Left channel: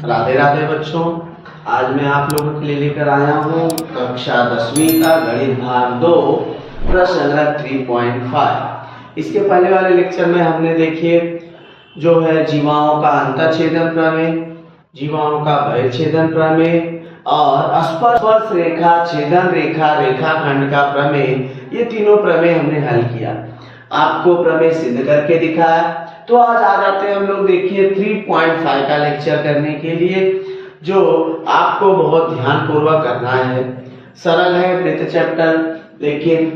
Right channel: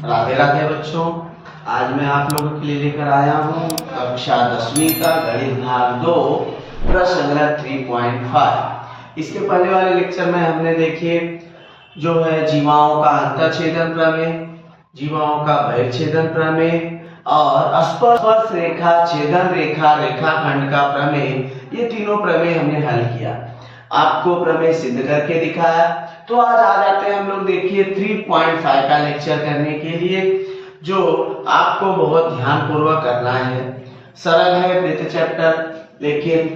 राधे राधे बच्चों। आज मैं आप लोगों के लिए लेकर आया हूँ कक्षा 10वीं का गणित भाग 2 प्रश्न संग्रह 3.5। इसके पहले वाले लेक्चर में हमने देखिए जो है जीवाओं का अंतःछेदन प्रमेय, जीवाओं का बहिर्छेदन प्रमेय और स्पर्श रेखा, छेदन रेखा, रेखाखंड का प्रमेय, ये तीनों प्रमेय हमने हल किया, आपको प्रमेय सिद्ध करके दिखाया। तो आज आ जाते हैं हम लोग देखिए 3.5 का लेक्चर करने के लिए, जो आपको बहुत ध्यान पूर्वक करना है। सरल है वृत्त चैप्टर, लेकिन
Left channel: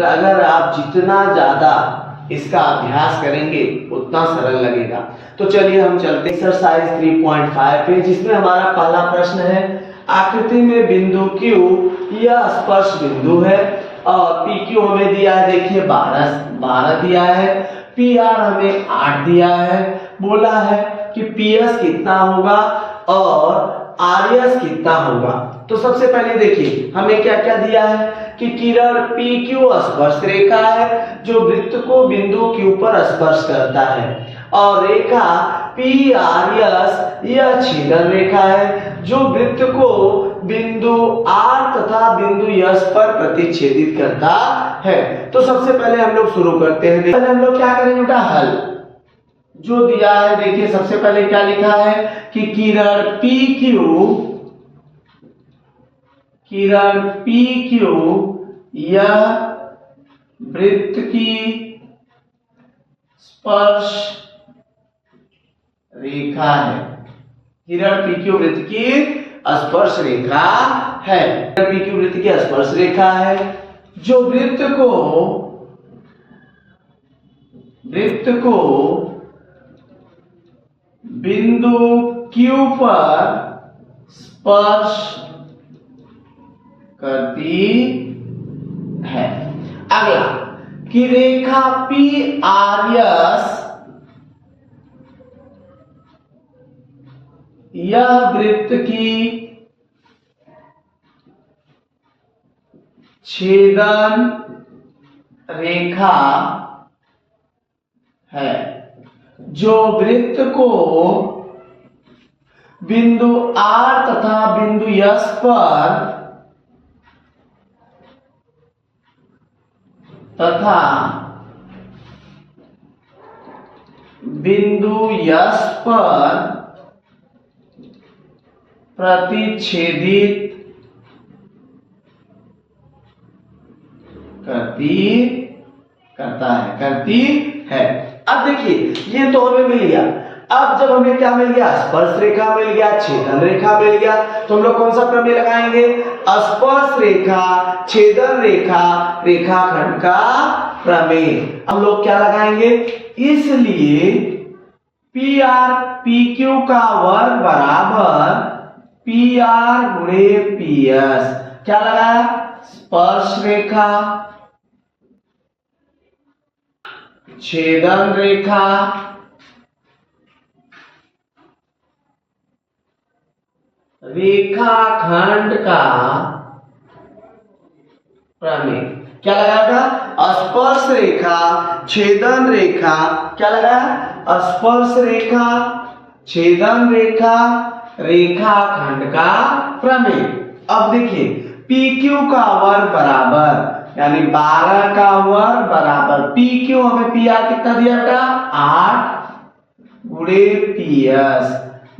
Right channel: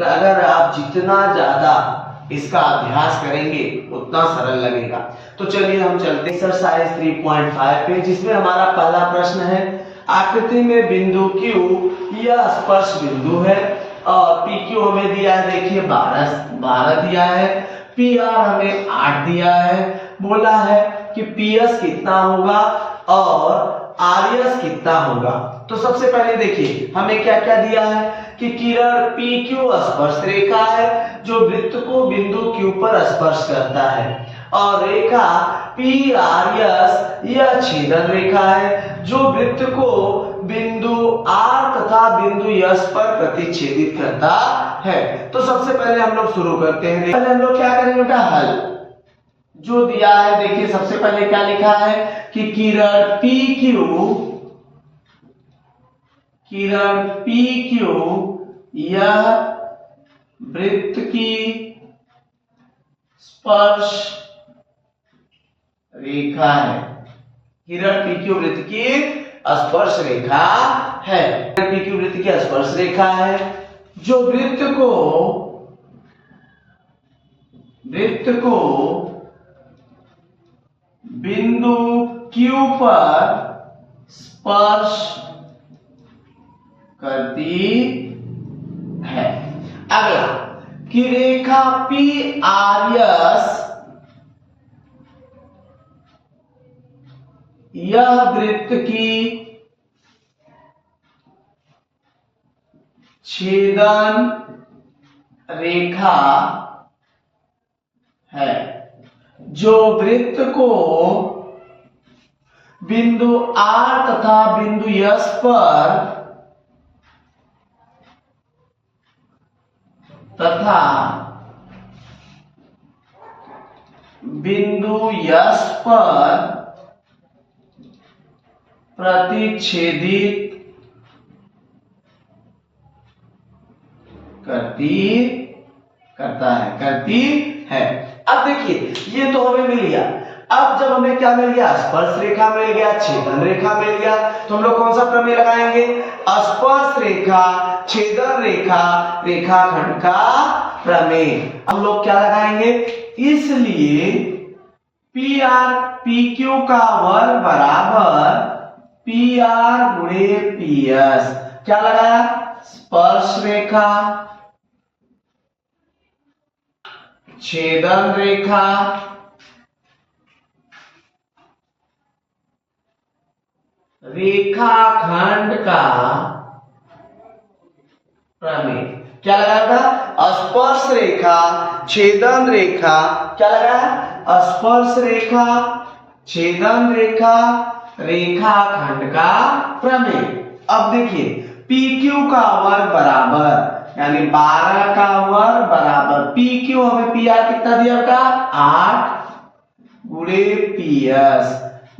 अगर आप जितना ज्यादा इसका अभ्यास करेंगे उतना सरल लगेगा। तो चलिए हम चलते एक्सरसाइज 3.5 पे, जिसमें हमारा पहला प्रश्न है, आकृति में बिंदु Q यह स्पर्श बिंदु है और PQ हमें दिया है, देखिए 12 दिया है, PR हमें 8 दिया है, बोला है कि PS कितना होगा और RS कितना होगा। तो सबसे पहले देखिए हमें क्या क्या दिया है कि किरण PQ स्पर्श रेखा है जो वृत्त को बिंदु Q पर स्पर्श करता है, और रेखा PRS यह छेदन रेखा है जो वृत्त को बिंदु R तथा बिंदु S पर प्रतिच्छेदित करता है। तो सबसे पहले हम लोग शुरू करते हैं। पहले हम लोग क्या करेंगे बेटा, हल जो दिया है, देखिए सबसे पहले क्या लिखा है कि किरण PQ यह वृत्त की स्पर्श रेखा है। किरण PQ वृत्त की स्पर्श रेखा है, PQ वृत्त की स्पर्श रेखा है जो वृत्त को बिंदु Q पर स्पर्श करती है। अगला कि रेखा PRS यह वृत्त की छेदन रेखा है जो वृत्त को बिंदु R तथा बिंदु S पर प्रतिच्छेदित करती है। अब देखिए ये तो हमें मिल गया। अब जब हमें क्या मिल गया, स्पर्श रेखा मिल गया, छेदन रेखा मिल गया, तो हम लोग कौन सा प्रमेय लगाएंगे, स्पर्श रेखा, छेदन रेखा, रेखाखंड का प्रमेय। हम लोग क्या लगाएंगे, इसलिए PR PQ का वर्ग बराबर PR गुणे PS। क्या लगाया, स्पर्श रेखा, छेदन रेखा, रेखाखंड का प्रमेय। क्या लगाया, स्पर्श रेखा, छेदन रेखा, क्या लगाया, स्पर्श रेखा, छेदन रेखा, रेखाखंड का प्रमेय। अब देखिए PQ का वर्ग बराबर यानी 12 का वर्ग बराबर PQ, हमें PR कितना दिया बेटा, 8 गुणे PS,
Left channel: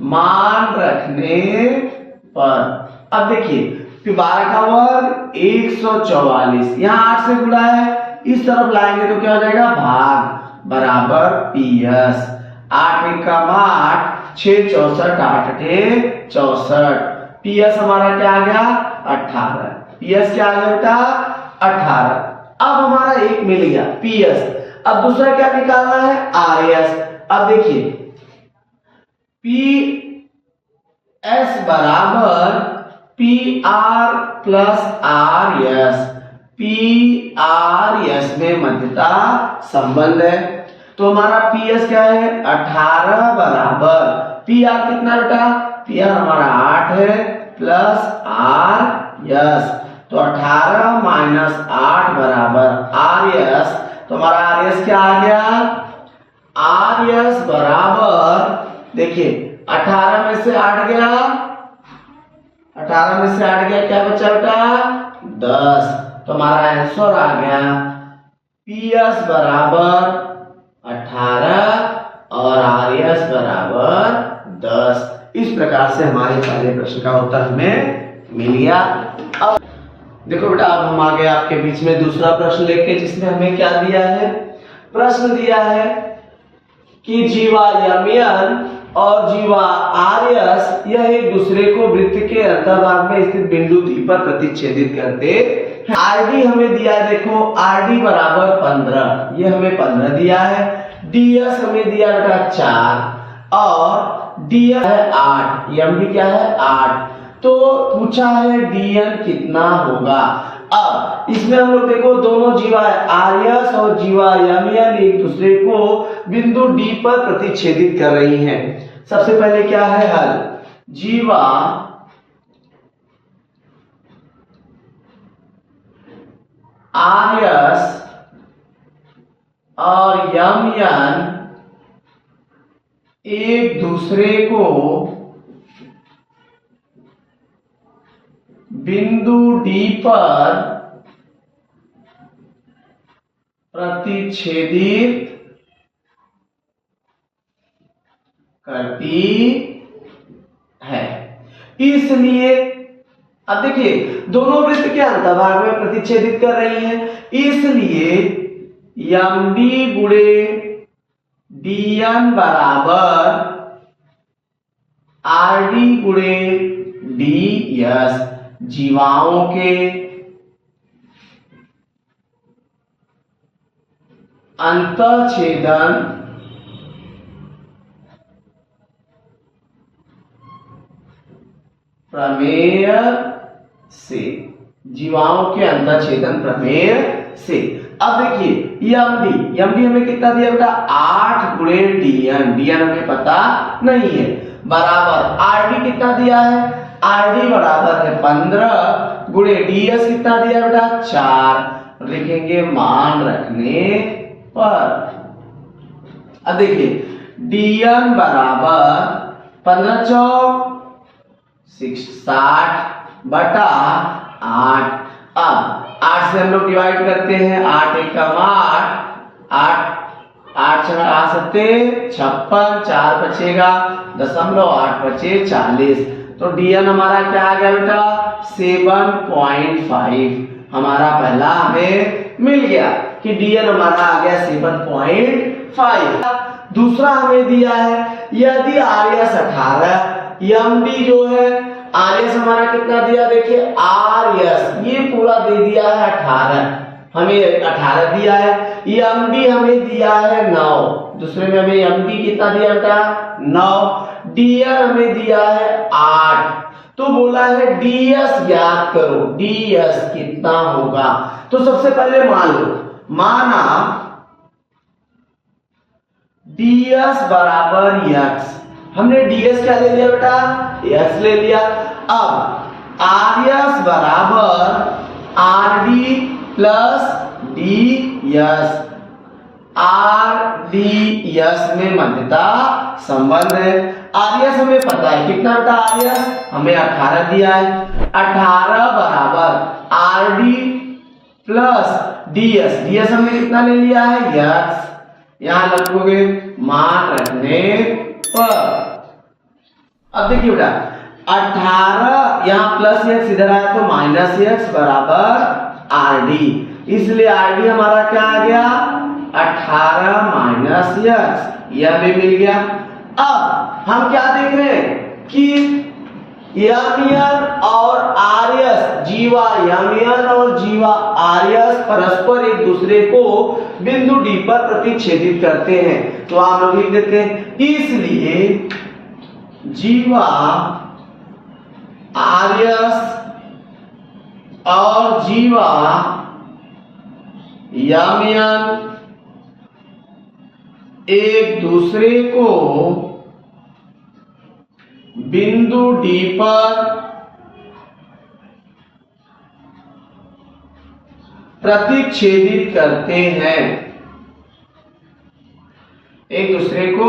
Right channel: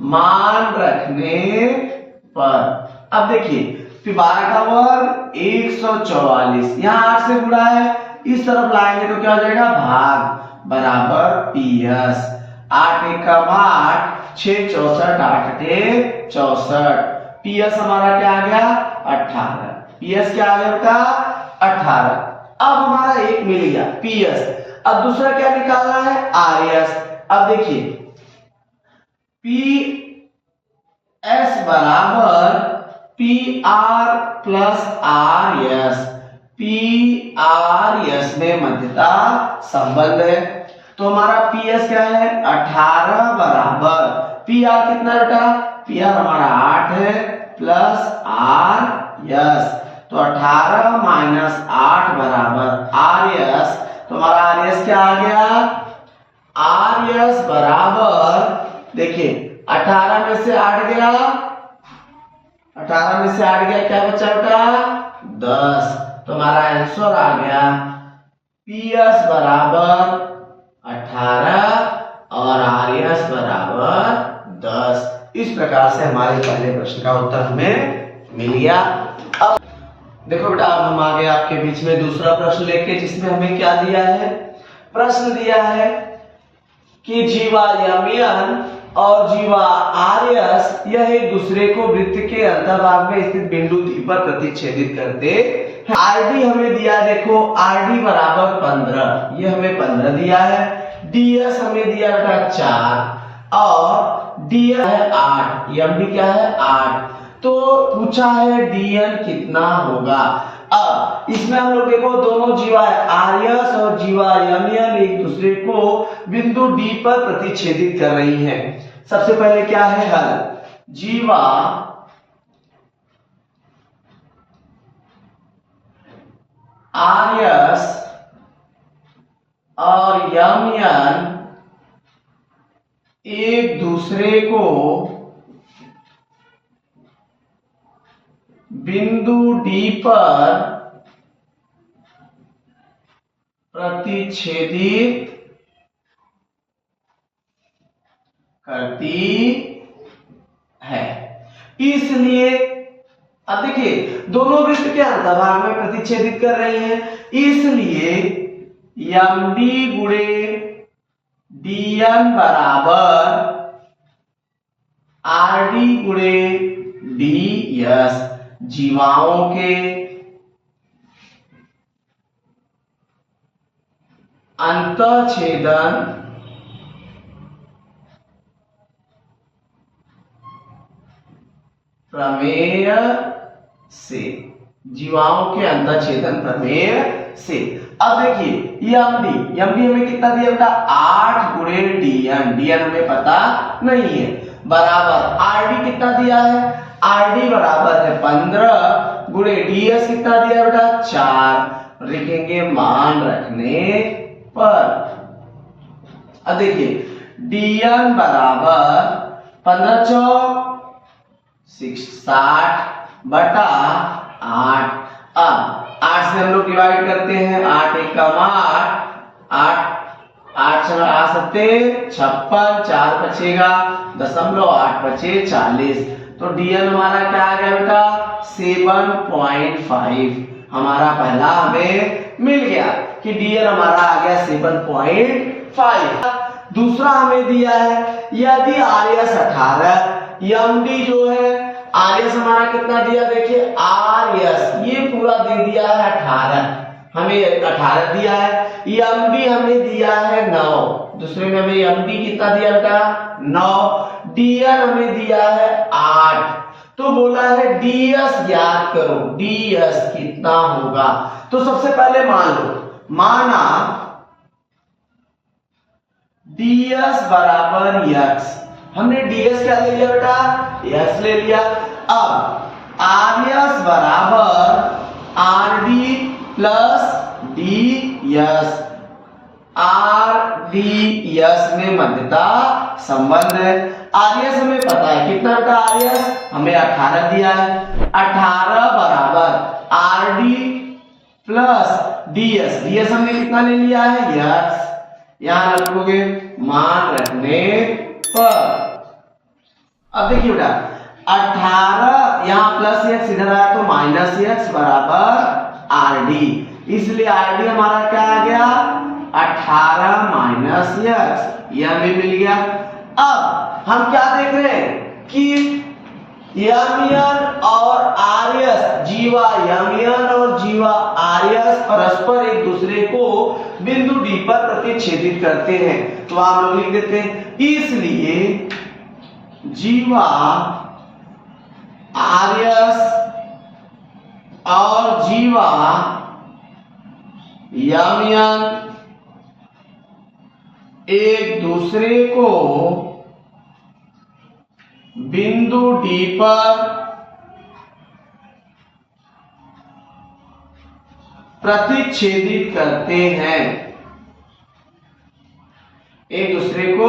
मान रखने पर। अब देखिए 12 का वर्ग 144, यहाँ 8 से गुणा है, इस तरफ लाएंगे तो क्या हो जाएगा, भाग बराबर PS। 8 एकम 8, 6 64, 8 8 64, PS हमारा क्या आ गया, 18। PS क्या आ गया बेटा, 18। अब हमारा एक मिल गया PS। अब दूसरा क्या निकालना है, RS। अब देखिए PS बराबर PR प्लस RS, PRS में मध्यता संबंध है, तो हमारा PS क्या है, 18 बराबर PR कितना बेटा, PR हमारा 8 है प्लस RS, तो 18 माइनस 8 बराबर RS। तो हमारा RS क्या आ गया, RS बराबर देखिए 18 में से 8 गया, 18 में से 8 गया, क्या बचा बेटा 10। तो हमारा आंसर आ गया PS बराबर 18 और RS बराबर 10। इस प्रकार से हमारे पहले प्रश्न का उत्तर हमें मिल गया। अब देखो बेटा, अब हम आगे आपके बीच में दूसरा प्रश्न लेके, जिसमें हमें क्या दिया है, प्रश्न दिया है कि जीवा यमियन और जीवा आर्यस यह एक दूसरे को वृत्त के अंतर्भाग में स्थित बिंदु डी पर प्रतिच्छेदित करते हैं। आरडी हमें दिया है, देखो आरडी बराबर 15, ये हमें 15 दिया है। डीएस हमें दिया बेटा 4 और डीएन है 8, एमडी क्या है 8। तो पूछा है डीएन कितना होगा। अब इसमें हम लोग देखो, दोनों जीवा आर्यस और जीवा यमियन एक दूसरे को बिंदु डी पर प्रतिच्छेदित कर रही हैं। सबसे पहले क्या है हल, जीवा आर्यस और यमियन एक दूसरे को बिंदु डी पर प्रतिच्छेदित करती है। इसलिए अब देखिए, दोनों वृत्त के अंतर्भाग में प्रतिच्छेदित कर रही हैं, इसलिए एमडी गुणे डीएन बराबर आरडी गुणे डीएस। जीवाओं के अंतःछेदन प्रमेय से, जीवाओं के अंतःछेदन प्रमेय से। अब देखिए एमडी हमें कितना दिया बेटा 8 गुणे डीएन, डीएन हमें पता नहीं है, बराबर आरडी कितना दिया है, आरडी बराबर है 15 गुणे डीएस कितना दिया बेटा 4, लिखेंगे मान रखने पर। अब देखिए डीएन बराबर 15 चौक 60 बटा 8। अब 8 से हम लोग डिवाइड करते हैं, 8 एकम 8, 8 आ सकते 56, 4 बचेगा 0.8 बचे 40। तो डीएन हमारा क्या आ गया बेटा 7.5। हमारा पहला हमें मिल गया कि डीएन हमारा आ गया 7.5। दूसरा हमें दिया है, यदि आरएस 18, एमडी जो है आरएस हमारा कितना दिया, देखिए आरएस ये पूरा दे दिया है 18, हमें 18 दिया है। एमडी हमें दिया है 9, दूसरे में हमें एमडी कितना दिया बेटा 9, डीएन हमें दिया है 8। तो बोला है डीएस ज्ञात करो, डीएस कितना होगा। तो सबसे पहले मान लो, माना डीएस बराबर x, हमने डीएस क्या ले लिया बेटा x ले लिया। अब आरएस बराबर आरडी प्लस डीएस, आरडीएस में मध्यता संबंध है। आरएस हमें पता है कितना बेटा, आरएस हमें 18 दिया है, 18 बराबर आरडी प्लस डीएस, डीएस हमने कितना ले लिया है x, यहां रखोगे मान रखने पर। अब देखिए बेटा 18 यहां प्लस x इधर आया तो माइनस x बराबर आरडी, इसलिए आरडी हमारा क्या आ गया 18 माइनस x, यह भी मिल गया। अब हम क्या देख रहे हैं कि यमियन और आरएस, जीवा यमियन और जीवा आरएस परस्पर एक दूसरे को बिंदु डी पर प्रतिच्छेदित करते हैं। तो आप लोग लिख देते हैं, इसलिए जीवा आरएस और जीवा यमियन एक दूसरे को बिंदु डी पर प्रतिच्छेदित करते हैं, एक दूसरे को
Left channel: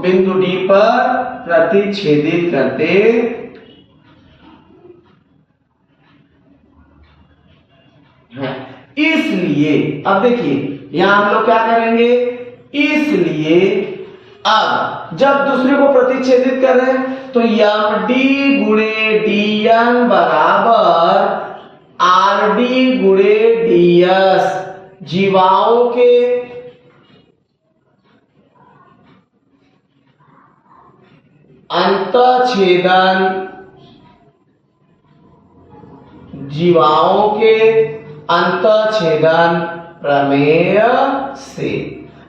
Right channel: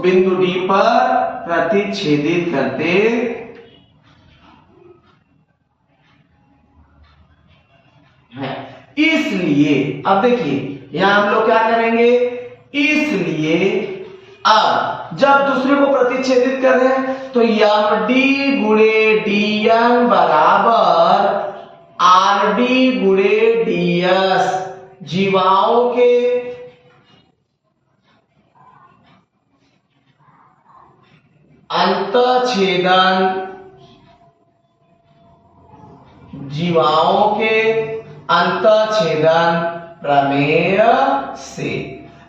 बिंदु डी पर प्रतिच्छेदित करते हैं। इसलिए अब देखिए यहां हम लोग क्या करेंगे, इसलिए अब जब दूसरे को प्रतिच्छेदित कर रहे हैं तो यम डी गुणे डी एन बराबर आर डी गुणे डी एस, जीवाओं के अंतःछेदन, जीवाओं के अंतःछेदन प्रमेय से।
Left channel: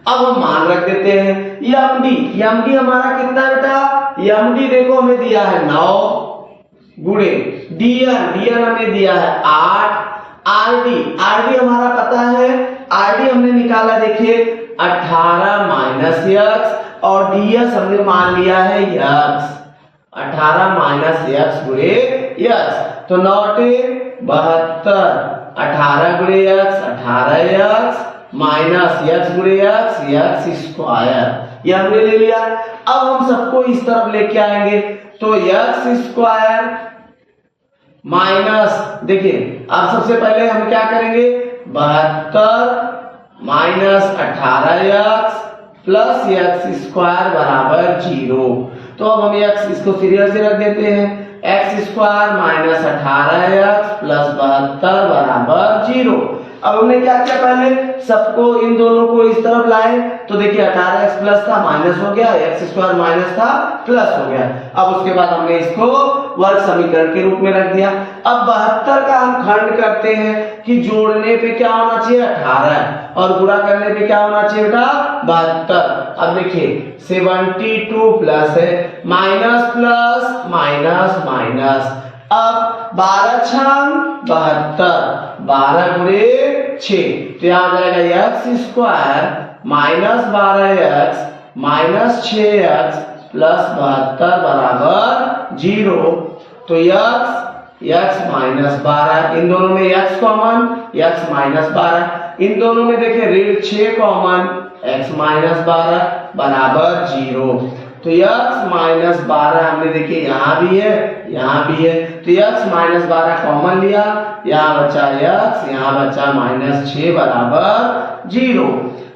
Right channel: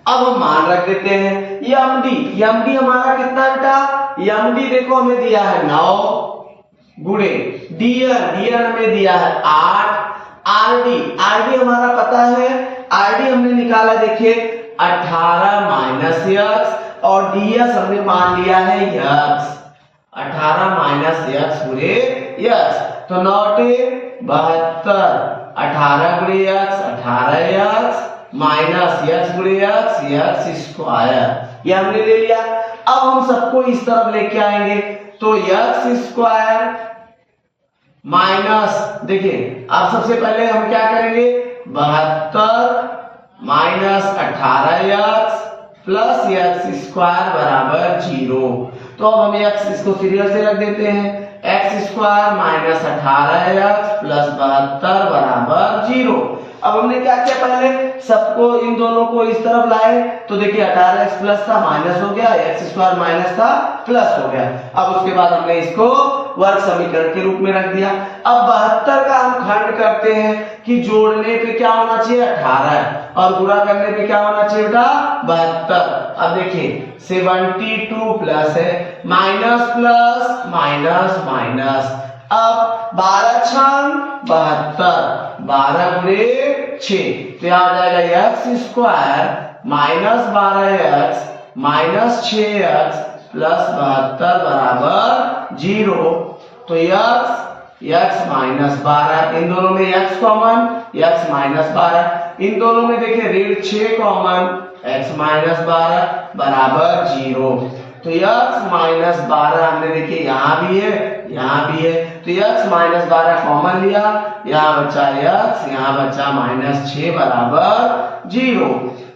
अब हम मान रख देते हैं यम डी हमारा कितना बेटा, यम डी देखो हमें दिया है 9 गुणे डीएन हमें दिया है 8, आरडी हमारा पता है, आरडी हमने निकाला देखिए 18 माइनस एक्स, और डीएस हमने मान लिया है एक्स, 18 माइनस एक्स गुणे एक्स, तो 9 72, 18 गुणे एक्स 18 एक्स माइनस एक्स गुणे एक्स स्क्वायर, ये हमने ले लिया। अब हम सबको इस तरफ लेके आएंगे तो एक्स स्क्वायर माइनस, देखिए अब सबसे पहले हम क्या करेंगे, 72 minus 18 x plus x square बराबर 0। तो अब हम एक्स इसको सीरियल से रख देते हैं, x square minus 18 x plus 72 बराबर 0। अब हमने क्या किया, पहले सबको इन दोनों को इस तरफ लाए तो देखिए 18x प्लस था माइनस हो गया, एक्स स्क्वायर माइनस था प्लस हो गया। अब उसके बाद हमने इसको वर्ग समीकरण के रूप में रख दिया। अब 72 का हम खंड करते हैं कि जोड़ने पे क्या होना चाहिए 18 और गुणा करने पे क्या होना चाहिए बेटा 72। अब देखिए 72 प्लस है माइनस प्लस माइनस माइनस, अब 12 छंग 72, 12 गुणे 6, तो यहां आ जाएगा x square minus 12x minus 6x plus 72 बराबर 0। तो x माइनस 12, इन दोनों में x कॉमन, x माइनस 12, इन दोनों में देखिए ऋण 6 कॉमन, x माइनस 12 बराबर 0। तो x माइनस 12 हमने देखिए यहाँ भी है यहाँ भी है, तो x माइनस 12 कॉमन लिया, यहाँ बचा x, यहाँ बचा माइनस 6 बराबर 0।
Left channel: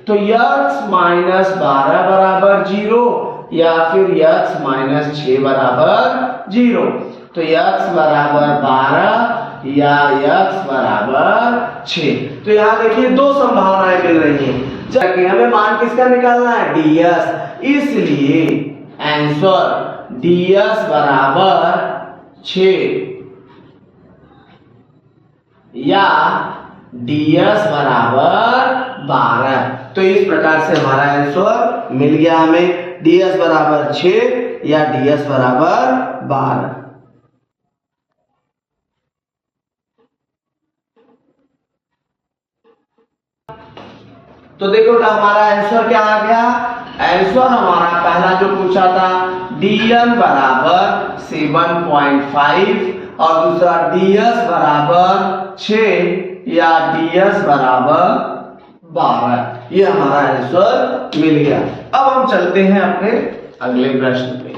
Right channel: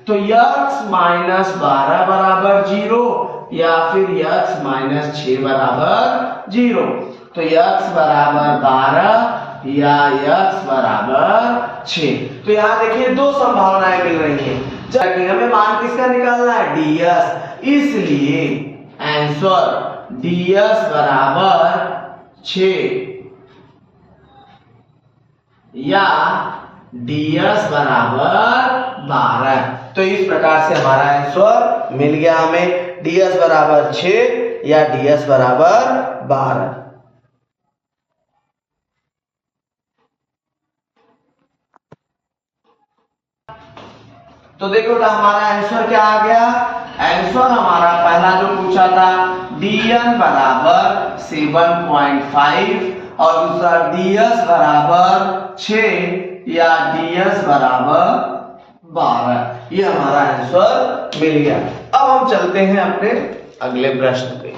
तो x माइनस 12 बराबर 0 या फिर x माइनस 6 बराबर 0। तो x बराबर 12 या x बराबर 6। तो यहाँ देखिए दो संभावनाएं मिल रही हैं, जबकि हमें मान किसका निकालना है ds, इसलिए आंसर ds बराबर 6 या ds बराबर 12। तो इस प्रकार से हमारा आंसर मिल गया हमें, ds बराबर 6 या ds बराबर 12। तो देखो हमारा आंसर क्या आ गया, आंसर हमारा पहला जो पूछा था dn बराबर 7.5 और दूसरा ds बराबर 6 या ds बराबर 12, ये हमारा आंसर मिल गया। अब हम चलते हैं अपने अगले प्रश्न पे।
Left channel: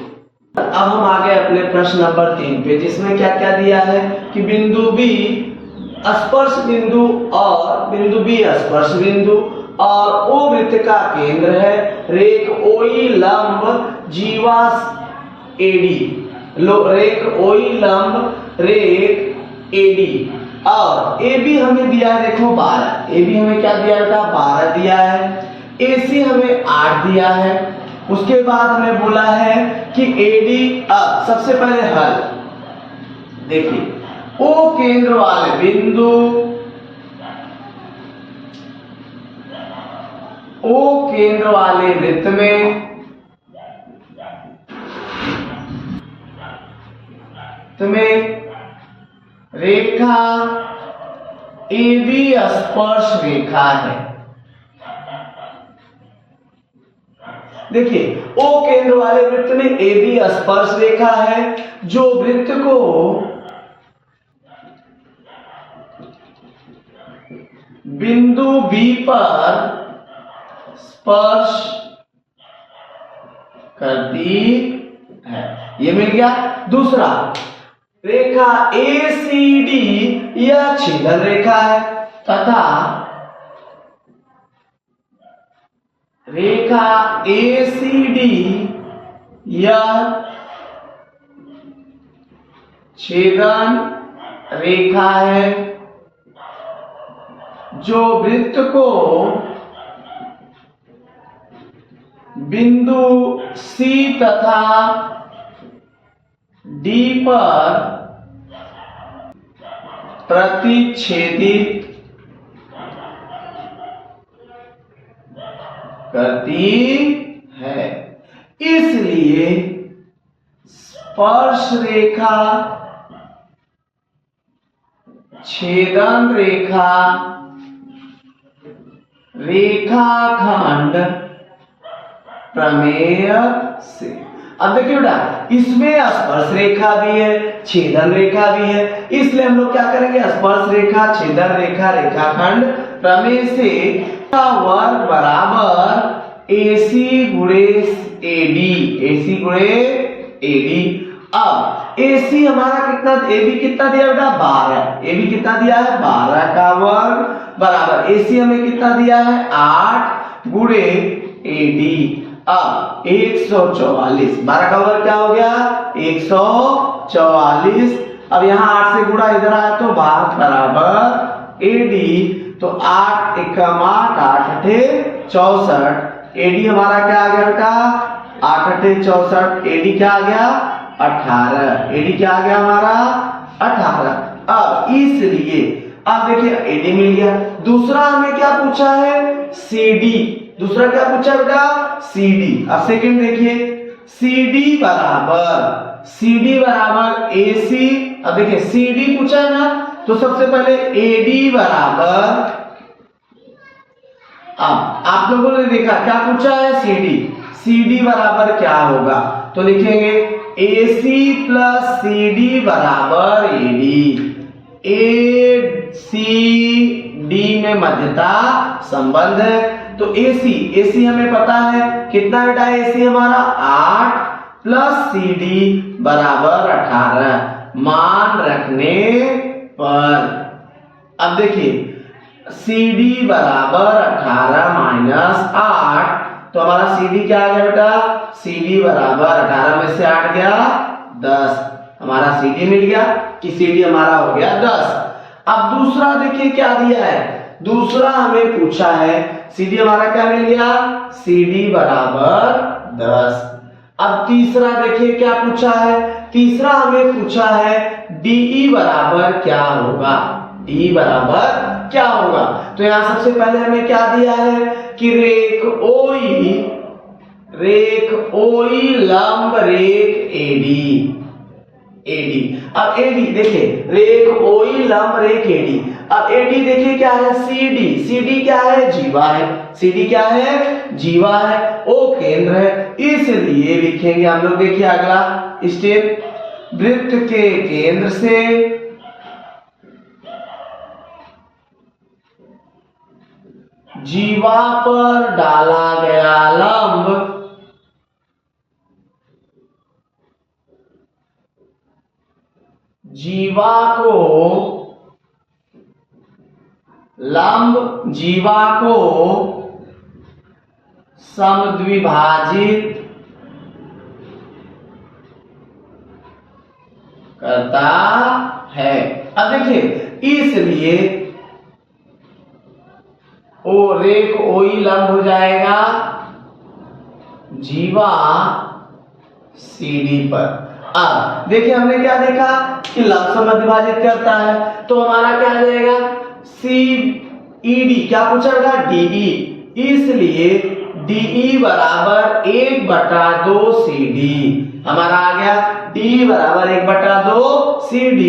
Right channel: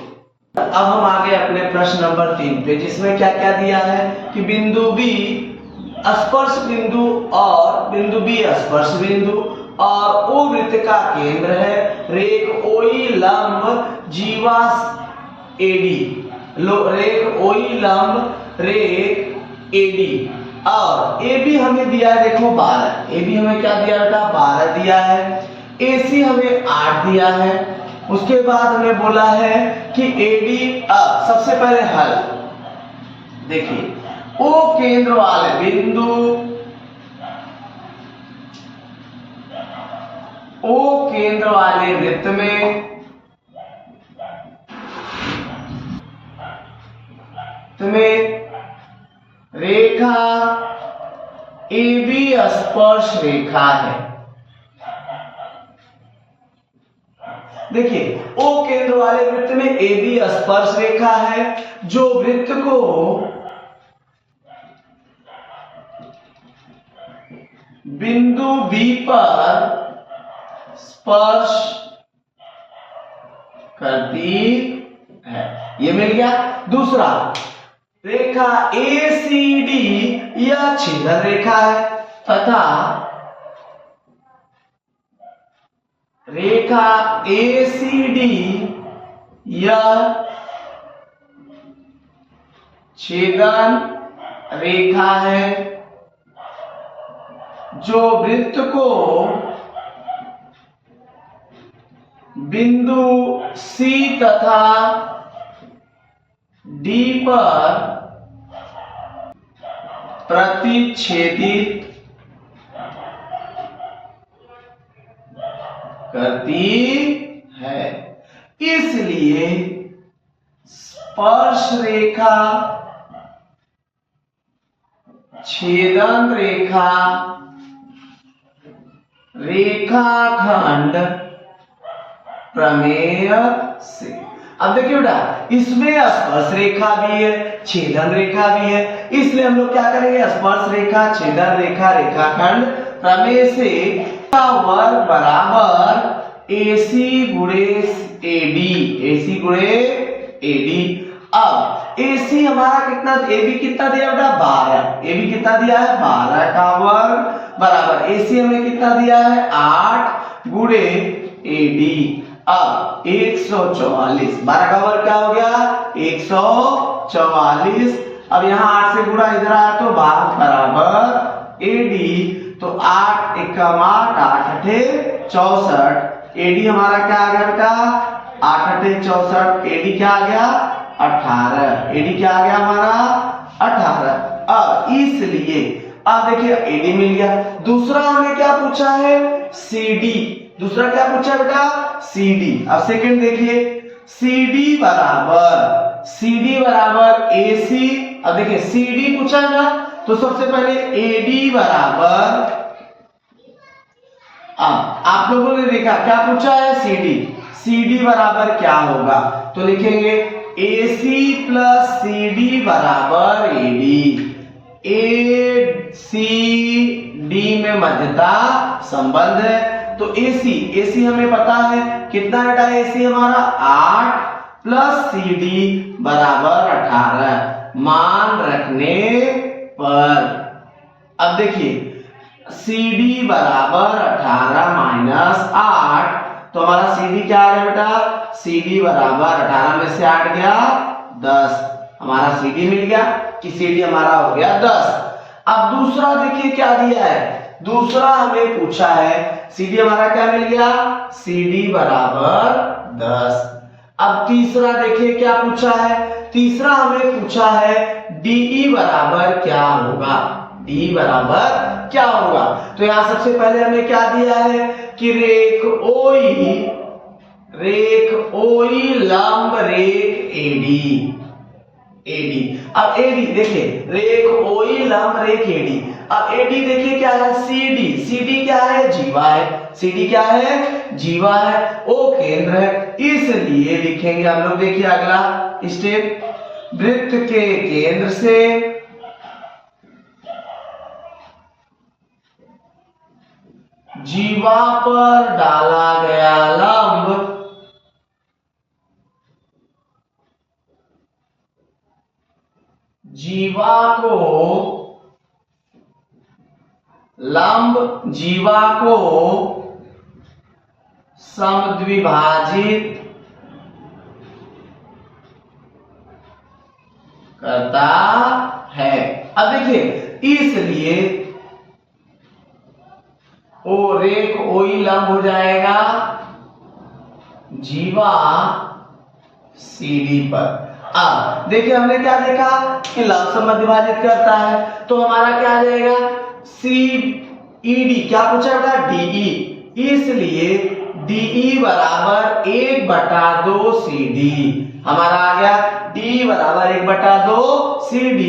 अब हम आगे अपने प्रश्न नंबर 3 पे, जिसमें क्या क्या दिया है कि बिंदु B स्पर्श बिंदु और बिंदु B स्पर्श बिंदु और O वृत्त का केंद्र है, रेख OE लंब जीवा AD, रेख OE लंब रेख AD, और AB हमें दिया है देखो 12, AB हमें क्या दिया था 12 दिया है, AC हमें 8 दिया है। उसके बाद हमें बोला है कि AD, अब सबसे पहले हल देखिए, O केंद्र वाले बिंदु, O केंद्र वाले वृत्त में तुम्हें रेखा AB स्पर्श रेखा है। देखिए O केंद्र वाले वृत्त में AB स्पर्श रेखा है, जो वृत्त को बिंदु B पर स्पर्श करती है, ये मिल गया। दूसरा, रेखा ACD यह छेदन रेखा है तथा रेखा ACD यह छेदन रेखा है जो वृत्त को बिंदु C तथा D पर प्रतिच्छेदित करती है। इसलिए स्पर्श रेखा छेदन रेखा रेखाखंड प्रमेय से। अब देखिए बेटा, इसमें स्पर्श रेखा भी है, छेदन रेखा भी है, इसलिए हम लोग क्या करेंगे, स्पर्श रेखा, छेदन रेखा, रेखाखंड प्रमेय से वर्ग बराबर AC गुणे AD, AC गुणे AD। अब AC हमारा कितना, AB कितना दिया बेटा 12, AB कितना दिया है 12 का वर्ग बराबर AC हमें कितना दिया है 8 गुणे AD। अब 144, 12 का वर्ग क्या हो गया 144। अब यहाँ 8 से गुणा इधर आया तो 12 बराबर AD, तो 8 एकम 8, 8 अठे 64, AD हमारा क्या आ गया बेटा 8 अठे 64, AD क्या आ गया 18, AD क्या आ गया हमारा 18। अब इसलिए अब देखिए AD मिल गया। दूसरा हमें क्या पूछा है CD, दूसरा क्या पूछा बेटा CD। अब सेकंड देखिए CD बराबर AC। अब देखिए CD पूछा है ना, तो सबसे पहले AD बराबर, आप लोगों ने देखा क्या पूछा है CD बराबर क्या होगा, तो लिखेंगे AC प्लस CD बराबर AD। ACD में मध्यता संबंध है, तो AC हमें पता है कितना बेटा AC हमारा 8 प्लस CD बराबर 18 मान रखने पर। अब देखिए CD बराबर 18 माइनस 8, तो हमारा CD क्या आ गया बेटा CD बराबर 18 में से 8 गया 10, हमारा CD मिल गया कि CD हमारा हो गया 10। अब दूसरा देखिए क्या दिया है, दूसरा हमें पूछा है CD हमारा क्या मिल गया CD बराबर 10। अब तीसरा देखिए क्या पूछा है, तीसरा हमें पूछा है DE बराबर क्या होगा, DE बराबर क्या होगा। तो यहां सबसे पहले हमें क्या दिया है कि रेख OE लंब रेख AD। अब AD देखिए रेख OE लंब रेख AD। अब AD देखिए क्या है CD क्या है जीवा है, CD क्या है जीवा है, O केंद्र है, इसलिए लिखेंगे हम लोग। देखिए अगला स्टेप, वृत्त के केंद्र से जीवा पर डाला गया लंब जीवा को समद्विभाजित करता है। अब देखिए इसलिए रेख OE लंब हो जाएगा जीवा CD पर। अब देखिए हमने क्या देखा कि लंब समद्विभाजित करता है, तो हमारा क्या आ जाएगा CED, क्या पूछा बेटा DE, इसलिए DE बराबर 1/2 CD हमारा आ गया, DE बराबर 1/2 CD,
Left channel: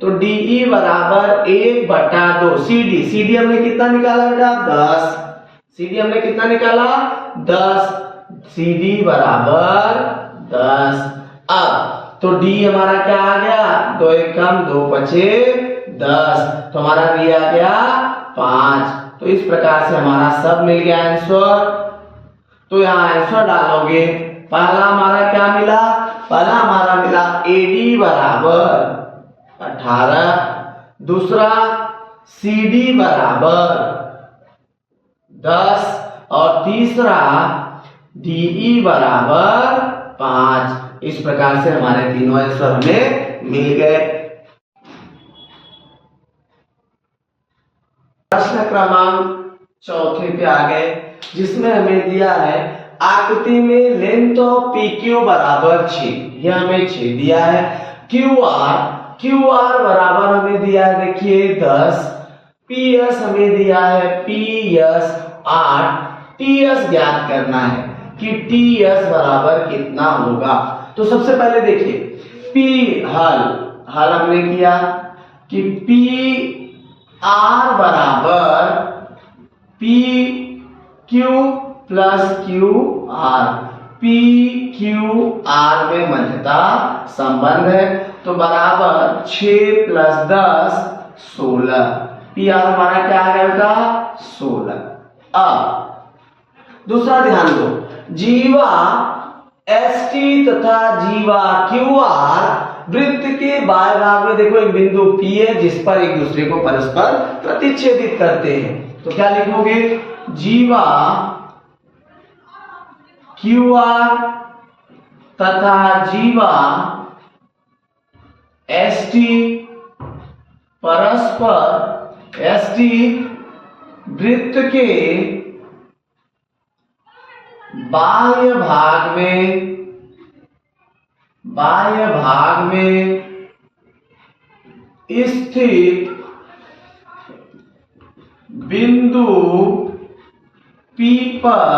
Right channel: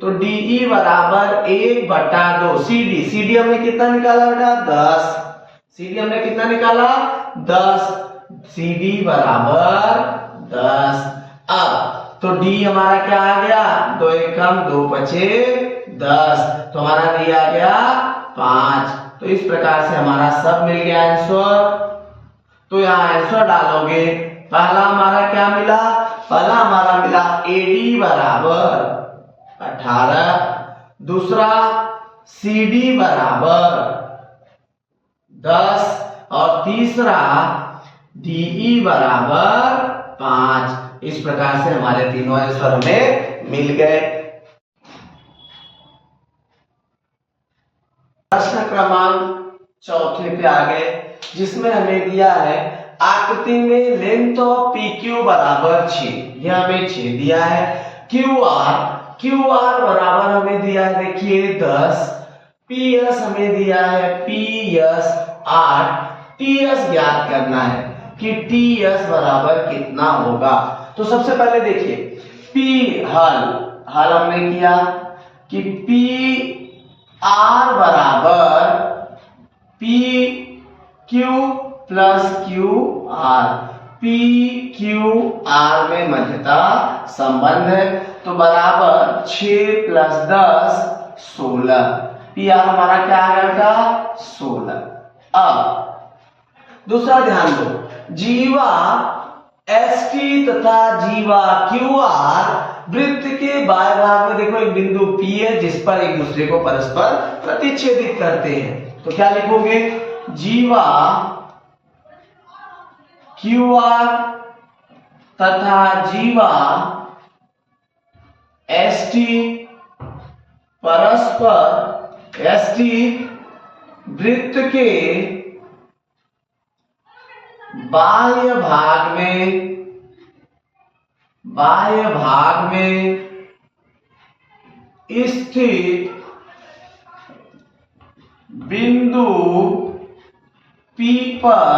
तो DE बराबर 1/2 CD हमने कितना निकाला बेटा 10, CD हमने कितना निकाला 10, CD बराबर 10। अब तो D हमारा क्या आ गया 2 एकम 2 पचे 10, तो हमारा D आ गया 5। तो इस प्रकार से हमारा सब मिल गया आंसर। तो यहाँ आंसर डालोगे, पहला हमारा क्या मिला, पहला हमारा मिला AD बराबर 18, दूसरा CD बराबर 10 और तीसरा DE बराबर 5। इस प्रकार से हमारे तीनों आंसर हमें मिल गए। प्रश्न क्रमांक चौथे पे आ गए, जिसमें हमें दिया है आकृति में लेंथ ऑफ PQ बराबर 6। यह हमें 6 दिया है। QR बराबर हमें दिया है, देखिए 10, PS हमें दिया है PS 8, TS ज्ञात करना है कि TS बराबर कितना होगा। तो सबसे पहले देखिए हल हमने किया कि PR बराबर PQ प्लस QR, PQR में मध्यता संबंध है, तो बराबर 6 प्लस 10 16। PR हमारा क्या आ गया? 16। अब दूसरा ध्यान दो, जीवा ST तथा जीवा QR वृत्त के बाएं भाग में देखो एक बिंदु P है, जिस पर एक दूसरे को परस्पर प्रतिच्छेदित करते हैं। तो क्या लिखोगे? जीवा QR तथा जीवा ST परस्पर ST वृत्त के बाह्य भाग में स्थित बिंदु P पर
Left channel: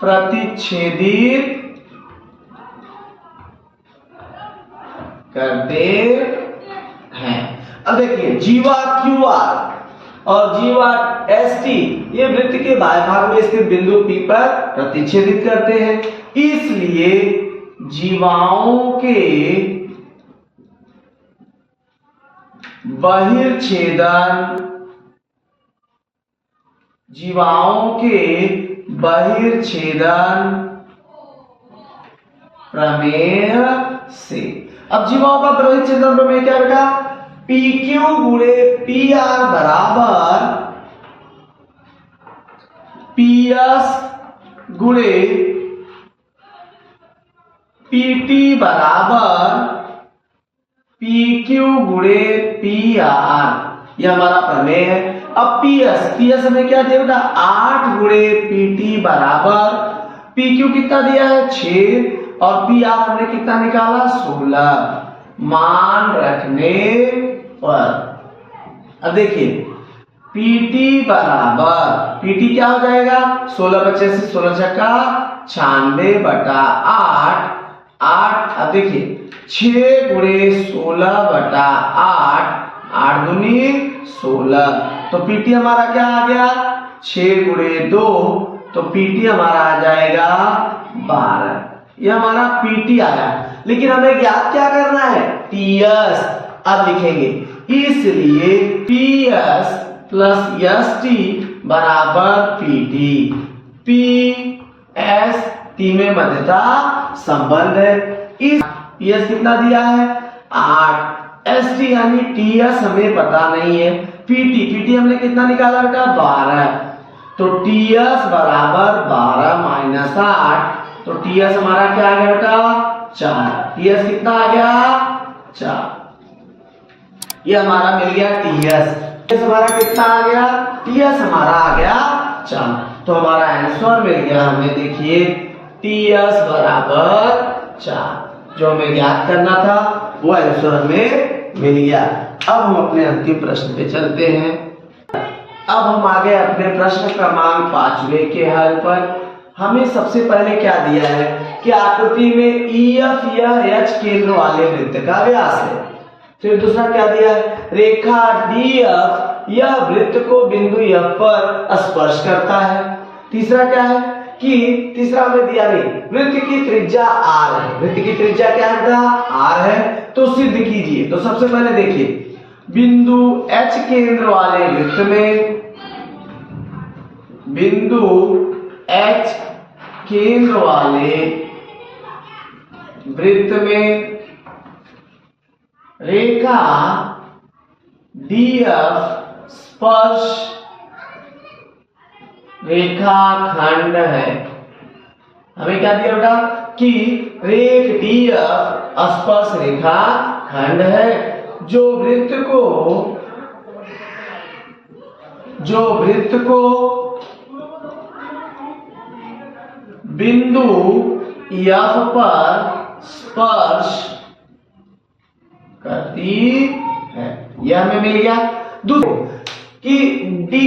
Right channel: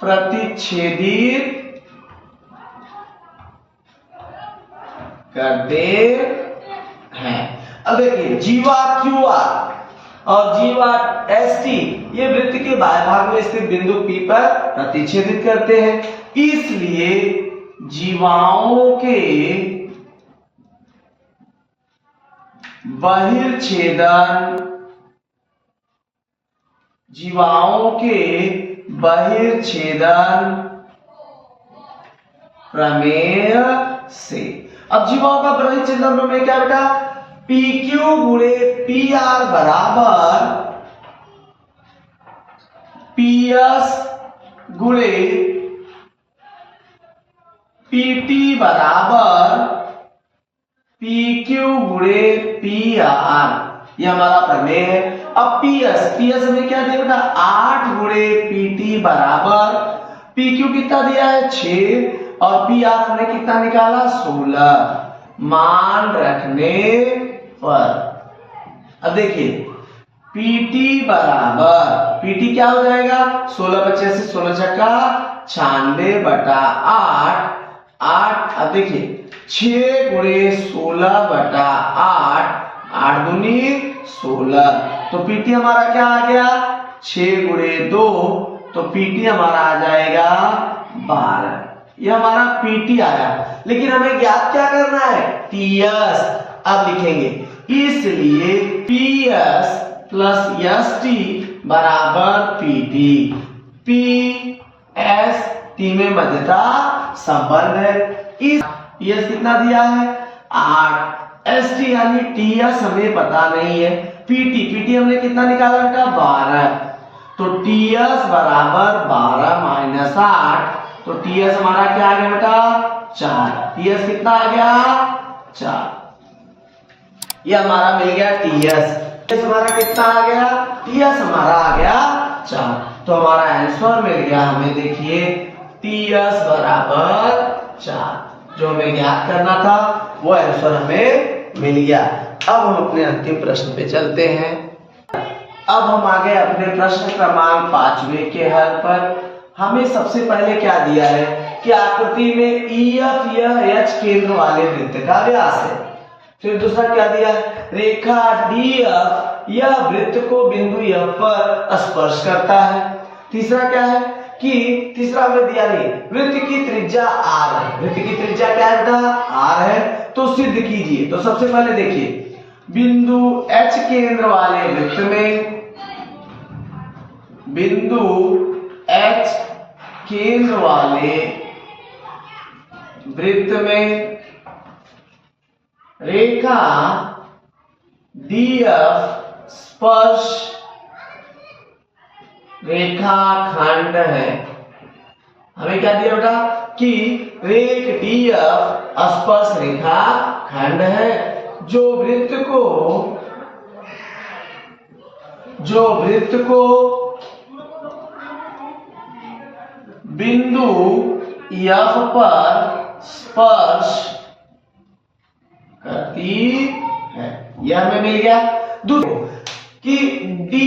प्रतिच्छेदित करते हैं। अब देखिए जीवा QR और जीवा ST ये वृत्त के बाह्य भाग में स्थित बिंदु P पर प्रतिच्छेदित करते हैं, इसलिए जीवाओं के बहिर्छेदन प्रमेय से। अब जीवाओं का बहिर्छेदन प्रमेय क्या बेटा? PQ गुणे PR बराबर PS गुणे PT बराबर PQ गुणे PR, यह हमारा प्रमेय है। अब PS हमें क्या दिया बेटा? 8 गुणे PT बराबर PQ कितना दिया है? 6 और PR हमने कितना निकाला? 16। मान रखने पर अब देखिए PT बराबर PT क्या हो जाएगा? 16 बचे से 16 छक्का 96 बटा 8। अब देखिए 6 गुणे 16 बटा 8 दूनी 16, तो PT हमारा क्या आ गया? 6 गुणे 2, तो PT हमारा आ जाएगा 12। यह हमारा PT आया, लेकिन हमें ज्ञात क्या करना है? TS। अब लिखेंगे इसलिए PS प्लस ST बराबर PT। PS T में मध्यता संबंध है। इस PS कितना दिया है? 8। ST यानी TS हमें पता नहीं है। PT हमने कितना निकाला बेटा? 12। तो TS बराबर 12 माइनस 8, तो TS हमारा क्या आ गया बेटा? 4। TS कितना आ गया? 4। ये हमारा मिल गया TS हमारा कितना आ गया? TS हमारा आ गया 4। तो हमारा आंसर मिल गया हमें, देखिए TS बराबर 4। जो हमें ज्ञात करना था वो आंसर हमें मिल गया। अब हम अपने अंतिम प्रश्न पे चलते हैं। अब हम आगे अपने प्रश्न क्रमांक 5वें के हल पर। हमें सबसे पहले क्या दिया है कि आकृति में EF यह H केंद्र वाले वृत्त का व्यास है। फिर दूसरा क्या दिया है? रेखा DF यह वृत्त को बिंदु F पर स्पर्श करता है। तीसरा क्या है कि तीसरा हमें दिया नहीं, वृत्त की त्रिज्या R है। वृत्त की त्रिज्या क्या है बेटा? R है। तो सिद्ध कीजिए। तो सबसे पहले देखिए बिंदु H केंद्र वाले वृत्त में, बिंदु H केंद्र वाले वृत्त में रेखा डीएफ स्पर्श रेखाखंड है। हमें क्या दिया बेटा कि रेख डीएफ स्पर्श रेखाखंड है जो वृत्त को बिंदु एफ पर स्पर्श करती है। यह हमें मिल गया। दूसरा कि डी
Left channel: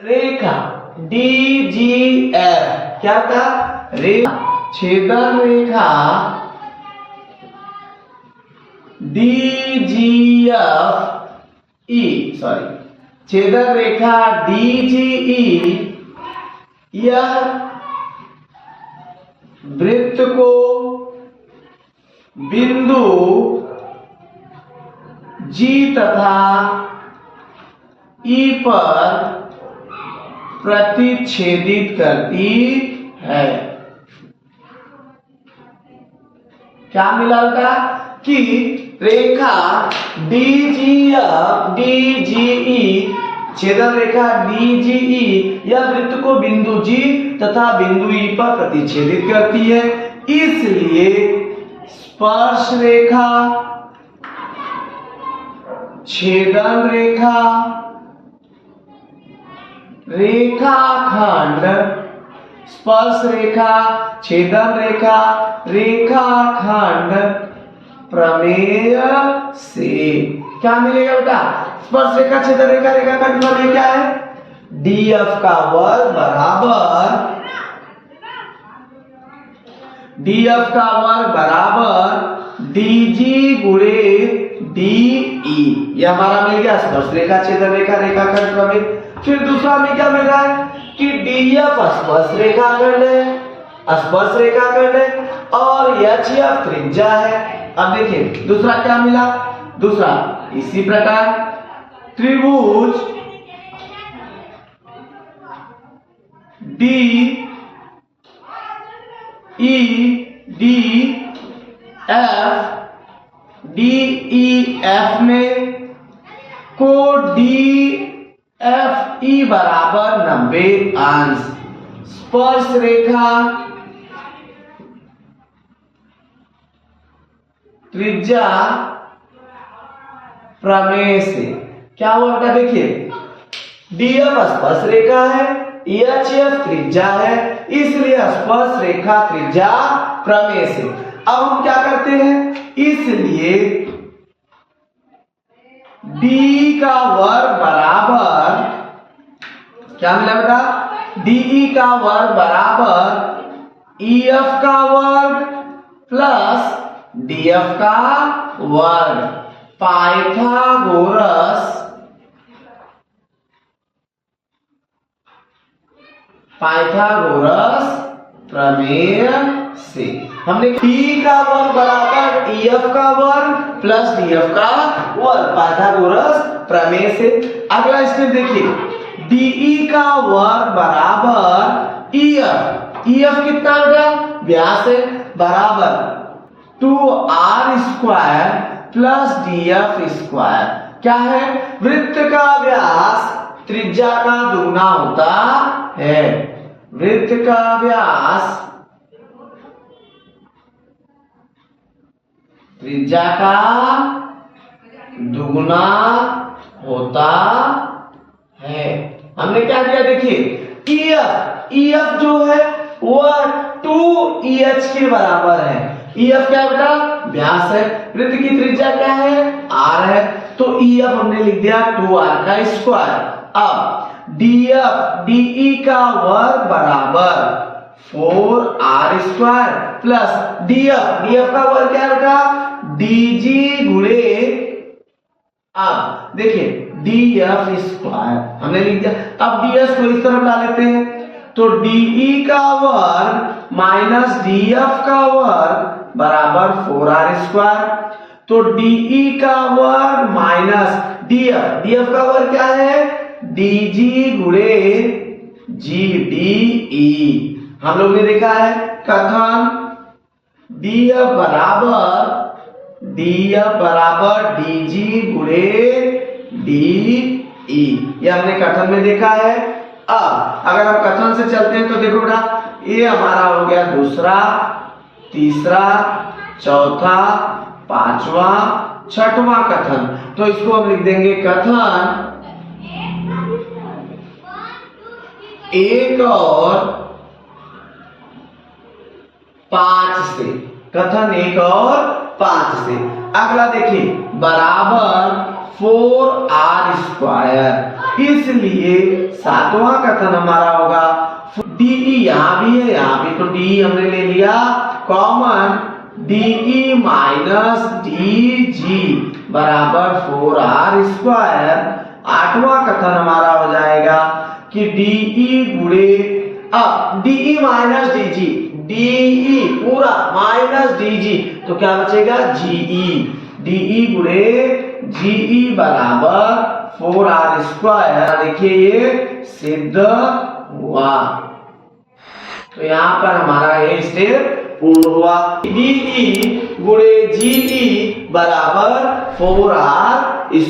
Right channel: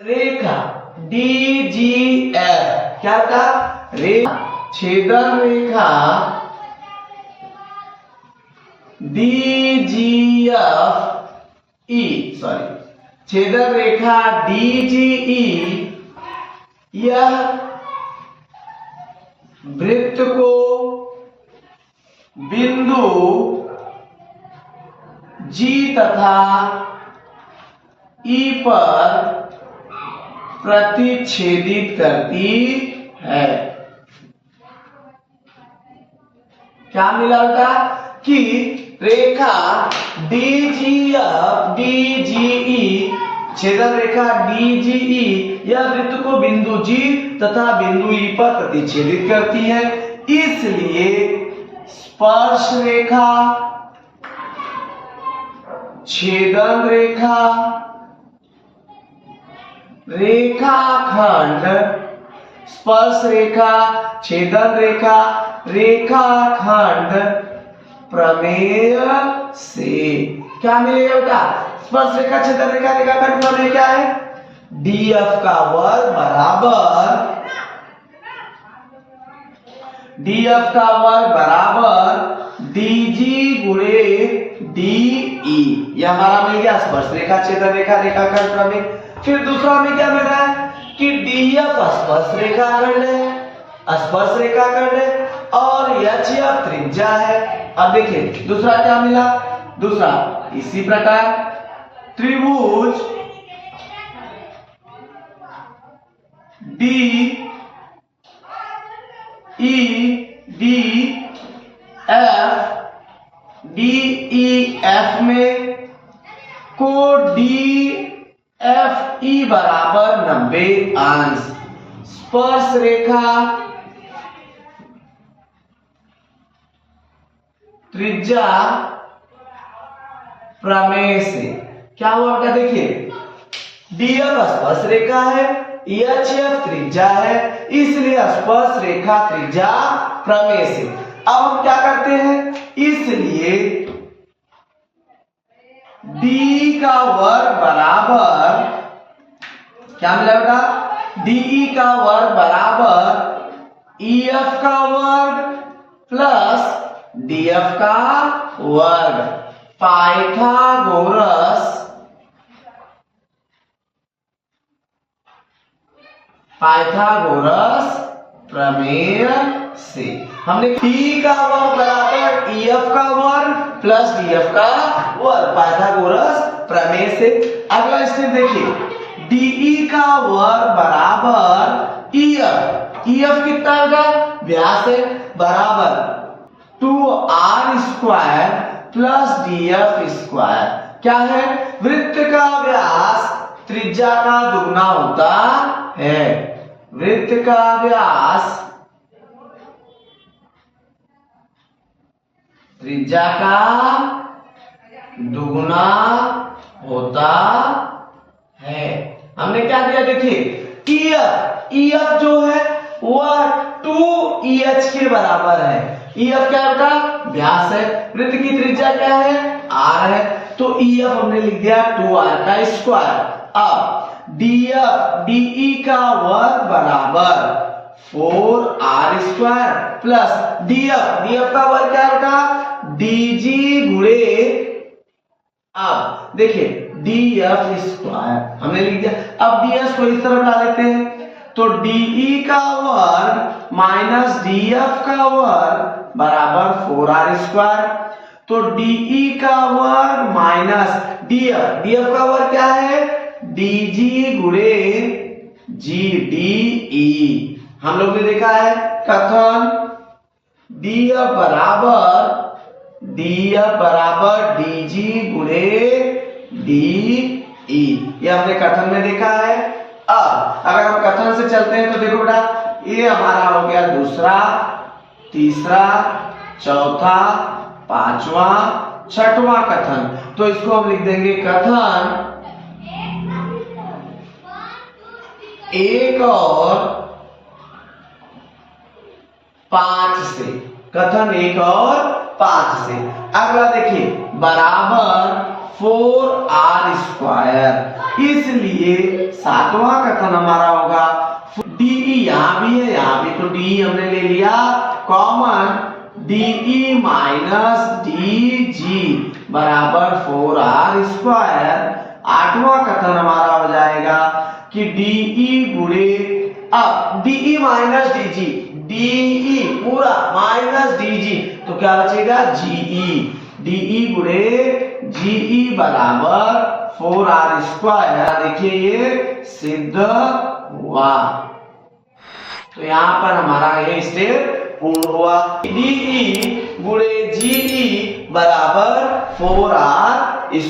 रेखा डीजीएफ क्या था, छेदन रेखा छेदन रेखा डीजीई यह वृत्त को बिंदु जी तथा ई पर प्रतिच्छेदित करती है। क्या मिला था कि रेखा डीजीएफ डीजीई छेदन रेखा डीजीई यह वृत्त को बिंदु जी तथा बिंदु ई पर प्रतिच्छेदित करती है, इसलिए स्पर्श रेखा छेदन रेखा रेखाखंड स्पर्श रेखा छेदन रेखा रेखाखंड प्रमेय से क्या मिलेगा बेटा, स्पर्श रेखा छेदन रेखा रेखाखंड प्रमेय क्या है, डीएफ का वर्ग बराबर डीजी गुणे डीई, यह हमारा मिल गया स्पर्श रेखा छेदन रेखा रेखाखंड प्रमेय। फिर दूसरा हमें क्या मिल रहा है कि डीएफ स्पर्श रेखाखंड है और एचएफ त्रिज्या है। अब देखिए दूसरा क्या मिला, दूसरा इसी प्रकार त्रिभुज डी ई डी एफ में को डी एफ ई बराबर 90 अंश स्पर्श रेखा त्रिज्या प्रमेय से क्या हुआ बेटा, देखिए डीएफ स्पर्श रेखा है, एचएफ त्रिज्या है, इसलिए स्पर्श रेखा त्रिज्या प्रमेय से। अब हम क्या करते हैं, इसलिए डी का वर्ग बराबर क्या मिला बेटा, डीई का वर्ग बराबर ईएफ का वर्ग प्लस डीएफ का वर्ग पाइथागोरस प्रमेय से हमने डी का वर्ग बराबर ईएफ का वर्ग प्लस डीएफ का वर्ग पाइथागोरस प्रमेय से। अगला स्टेप देखिए, डीई का वर्ग बराबर ईएफ कितना होगा, व्यास है, बराबर 2r square plus DF square. क्या है, वृत्त का व्यास त्रिज्या का दुगना होता है, वृत्त का व्यास त्रिज्या का दुगना होता है। हमने क्या दिया, देखिए ईएफ जो है वह 2EH के बराबर है। ईएफ क्या बेटा, व्यास है, वृत्त की त्रिज्या क्या है, r है, तो ईएफ हमने लिख दिया 2r का स्क्वायर। अब डीएफ डीई का वर्ग बराबर 4r स्क्वायर प्लस डीएफ का वर्ग क्या बेटा, डीजी गुणे, अब देखिए डीएफ स्क्वायर हमने लिख दिया। अब डीएफ को इस तरफ ला लेते हैं, तो डीई का वर्ग माइनस डीएफ का वर्ग बराबर 4r स्क्वायर। तो डीई का वर्ग माइनस डीएफ का वर्ग क्या है, डीजी गुणे जी डी ई। हम लोग ने देखा है कथन बराबर dg गुणे de। ये हमने कथन में देखा है। अब अगर हम कथन से चलते हैं तो देखो बेटा, ये हमारा हो गया दूसरा, तीसरा, चौथा, पांचवा, छठवां कथन। तो इसको हम लिख देंगे कथन 1 और 5 से। कथन 1 और 5 से। अगला देखिए, बराबर 4r²। इसलिए सातवां कथन हमारा होगा DE, यहां भी है, यहां भी, तो DE हमने ले लिया कॉमन, DE माइनस DG बराबर 4r²। आठवां कथन हमारा हो जाएगा कि DE गुणे, अब DE माइनस DG, DE पूरा माइनस DG, तो क्या बचेगा GE। DE गुणे GE बराबर 4r²। देखिए ये सिद्ध हुआ। तो यहां पर हमारा ये स्टेप पूर्ण हुआ। DE गुणे GE बराबर 4r²।